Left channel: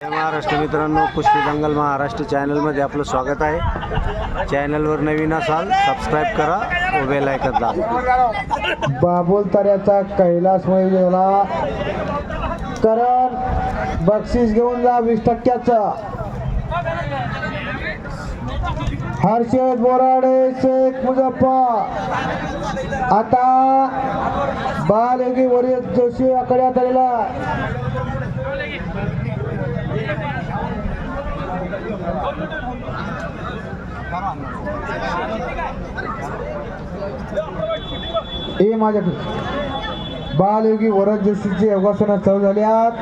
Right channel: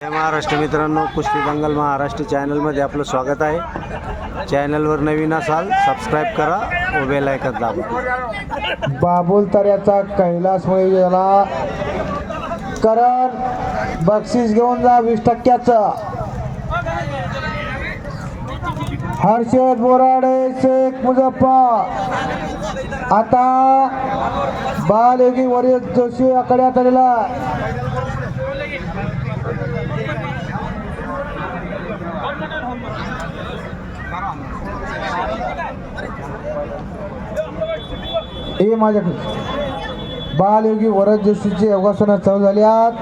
जय महाराष्ट्र मित्रांनो, कुस्ती दंगल महाराष्ट्र चॅनलमध्ये आपलं स्वागत आहे. चॅनलवर नवीन असाल सबस्क्राईब करा व बेल आयकॉन दाबा. बाबुल तऱ्याचा कैलास याला करण बक्षीस घेऊन जा 20%. हर्षद बोराडे शेख मुजफ्फर. आता बालयोगी वरील जोशी आकड्यात आलेला हे माझ्याकडे बालयोगी वरद जोशीची योगासनं चालू झाल्यात.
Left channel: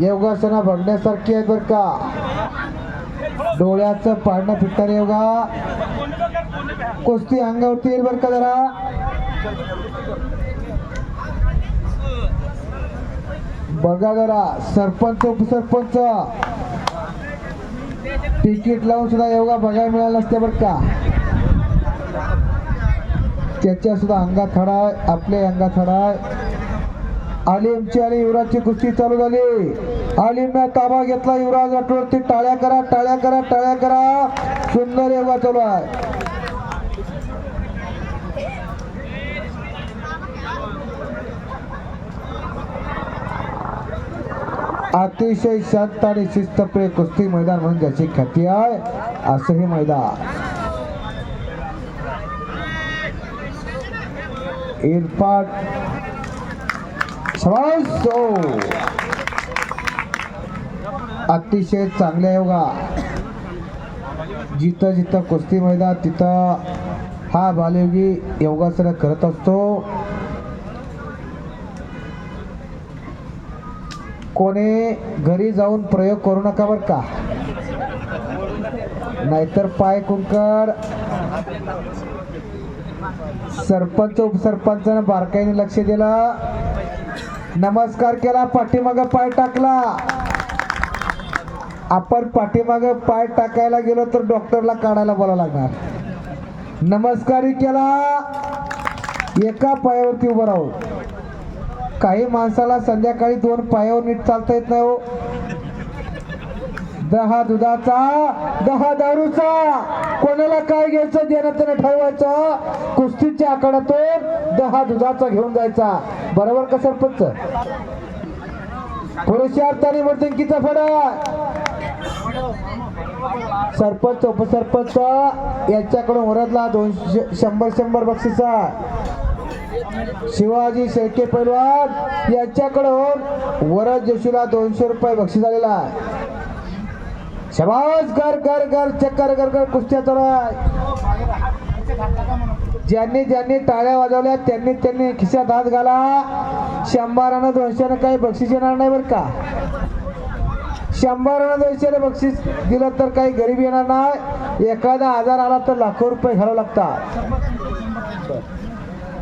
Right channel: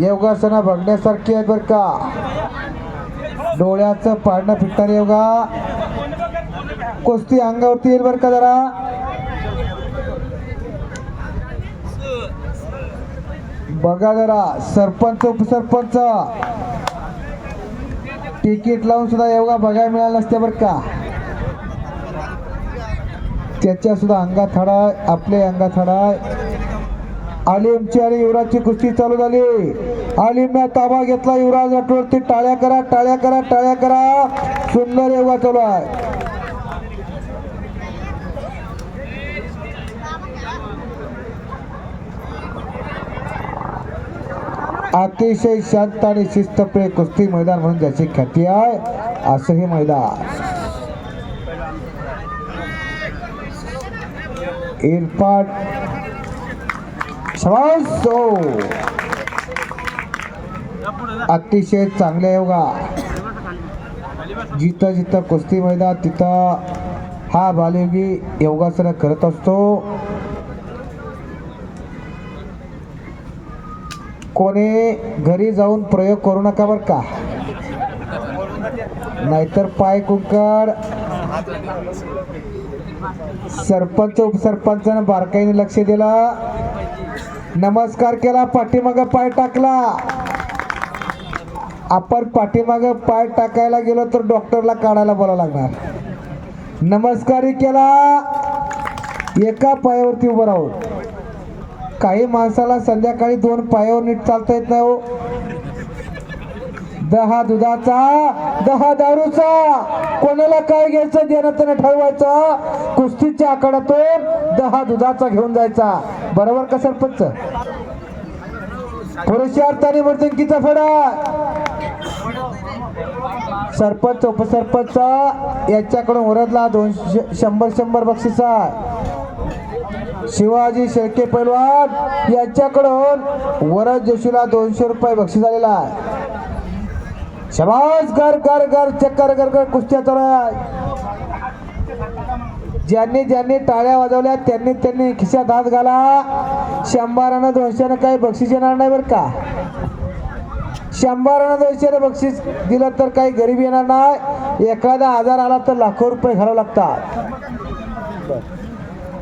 योगासनं बघण्यासारखी आहेत बरं का. डोळ्याचं पाडणं फिटणारे योगा कुस्ती अंगावरती येईल बरं का. जरा बघा जरा. सरपंच उपसरपंच तिकीट लावून सुद्धा योगा बघायला मिळाला नसते बरं का. त्याच्या सुद्धा अंगात हाडाय, आपल्या अंगात हाडाय. आलिमची आणि युवराजची कुस्ती चालू झाली. आलिमने ताबा घेतला. युवराज अटवरती टाळ्या करा, टाळ्या करा, टाळ्या करा. सुंदर योगा चालू आहे. अतिशय शांत आणि शिस्तप्रिय कुस्ती मैदान म्हणून ज्याची ख्याती आहे असं हे मैदान. इरफान शाबास. अतिशय चांगल्या योगा. जिथं जिथं कुस्ती मैदान तिथं हा बालयोगी योगासनं करत असतो. कोणी घरी जाऊन प्रयोग करू नका बरं का, नाहीतर पाय कुंकड. सरपंच उपसरपंचानं बारकाईने लक्ष दिला, नमस्कार केला, पाठीमागं पाय टाकला. आपण पाठीमागं पाय टाकायला गेलो तर डॉक्टरला काढायला बोलावं लागणार. नमस्कारही केला, एका पायावरती उभं राहून. काही माणसाला संध्याकाळी 2 पायावर नीट चालता येत नाही हो. 10 दुधाचा 10 दारूचा, कोणाला काय घ्यायचं देणं त्यानं ठरवायचं. कुस्तीच्या आखाड्यातून 10 दुधाचा घेऊन जायचा. बरोबर का सरपंच? पुरुषार्थाने मर्दंकीचा फडा. सरपंच उपसरपंच याच्याकडून वरदला 100 बक्षीस आहे. शिवाजी शेळके पैलवान यांच्याकडून वरद जोशीला 200 रुपये बक्षीस आलेला आहे. शबास. घर घर घर चक्कर घर घर कुस्त्या चालू आहे. ज्यांनी ज्यांनी टाळ्या वाजवल्या त्यांनी त्यांनी खिशात हात घाला. 100 200 काही बक्षीस येणार नाही बरं का. 100 200 बक्षीस दिलं तर काही गरीब येणार नाही. एखादा आजार आला तर लाखो रुपये घालावं लागतात.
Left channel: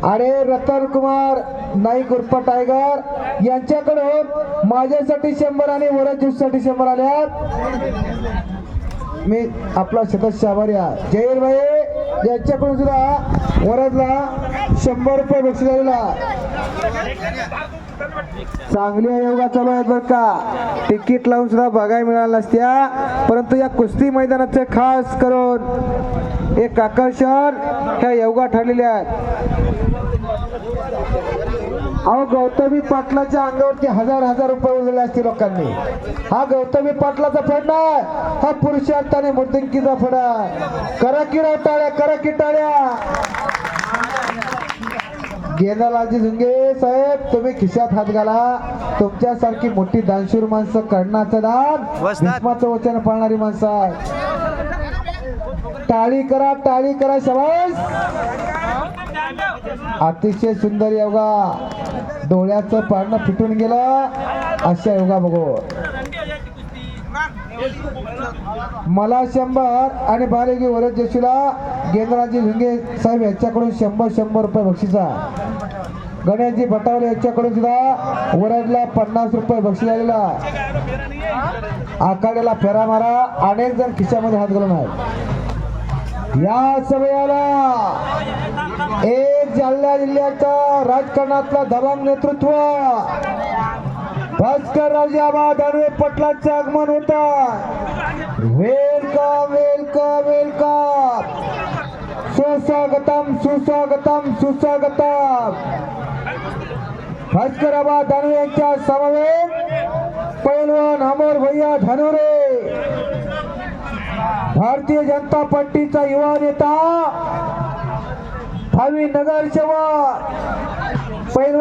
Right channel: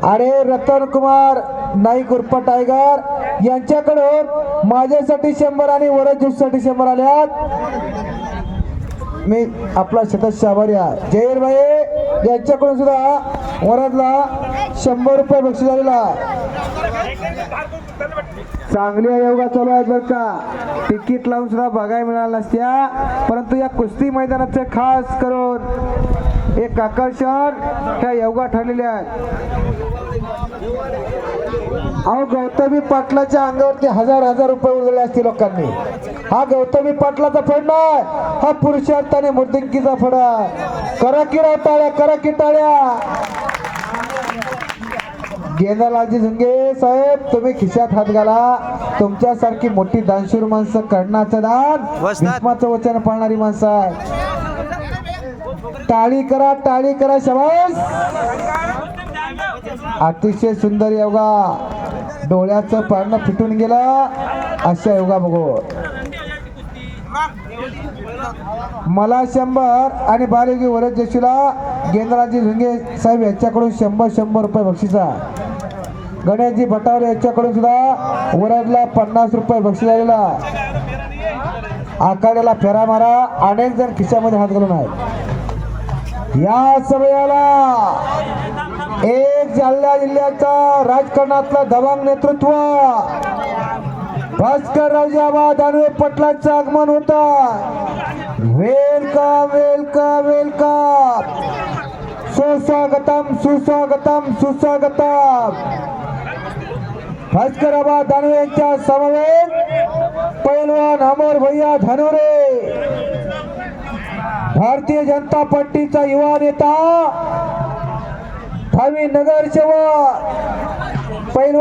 अरे रतन कुमार नाईक उर्फ टायगर यांच्याकडून माझ्यासाठी 100 आणि वरद जोशीसाठी 100 आल्यात. मी आपला सदस्य आभारी आहे. जयवीर भाई यांच्याकडून सुद्धा वरदला 100 रुपये बक्षीस आलेला. चांगल्या योगा चालू आहेत बरं का. तिकीट लावून सुद्धा बघायला मिळालं नसत्या, परंतु या कुस्ती मैदानाचे खास करून एक आकर्षण ह्या योगा ठरलेले आहेत. अहो गौतमी पाटलाच्या अंगावरती हजार रुपये उजळले असतील लोकांनी. हा गौतमी पाटलाचा फड नाही, हा पुरुषार्थाने मर्दंकीचा फड आहे. करा की राव टाळ्या, करा की टाळ्या. गेंदालालजी झंगे साहेब तुम्ही खिशात हात घाला. तुमच्यासारखी मोठी दानशूर माणसं कर्णाचं दान भीष्माचं वचन पाळणारी माणसं आहे. टाळी करा, टाळी करा. शबास. अतिशय सुंदर योगा. डोळ्याचं पारणं फिटून गेलं अशा योगा बघू. मला 100 आणि बालयोगी वरद जोशीला गेंद्राजी झुंगे साहेब यांच्याकडून 100 रुपये बक्षीस आहे. गणेशजी भटावले यांच्याकडून सुद्धा वरदला 50 रुपये बक्षीस आलेला. आखाड्याला फेरा मारा. अनेक जण खिशामध्ये हात घालून आहेत. या समयाला एक जालना जिल्ह्याच्या राजकारणातलं दबंग नेतृत्व भास्कर रावजी दानवे पटलांचं आगमन होता. वेलकम वेलकम वेलकम, सुस्वागतम सुस्वागतम सुस्वागतम. भास्कर दानवे यांच्या समवेत पैलवान अमर भैया धनुरे, भारतीय जनता पार्टीचा युवा नेता, धावी नगरसेवक पैलवान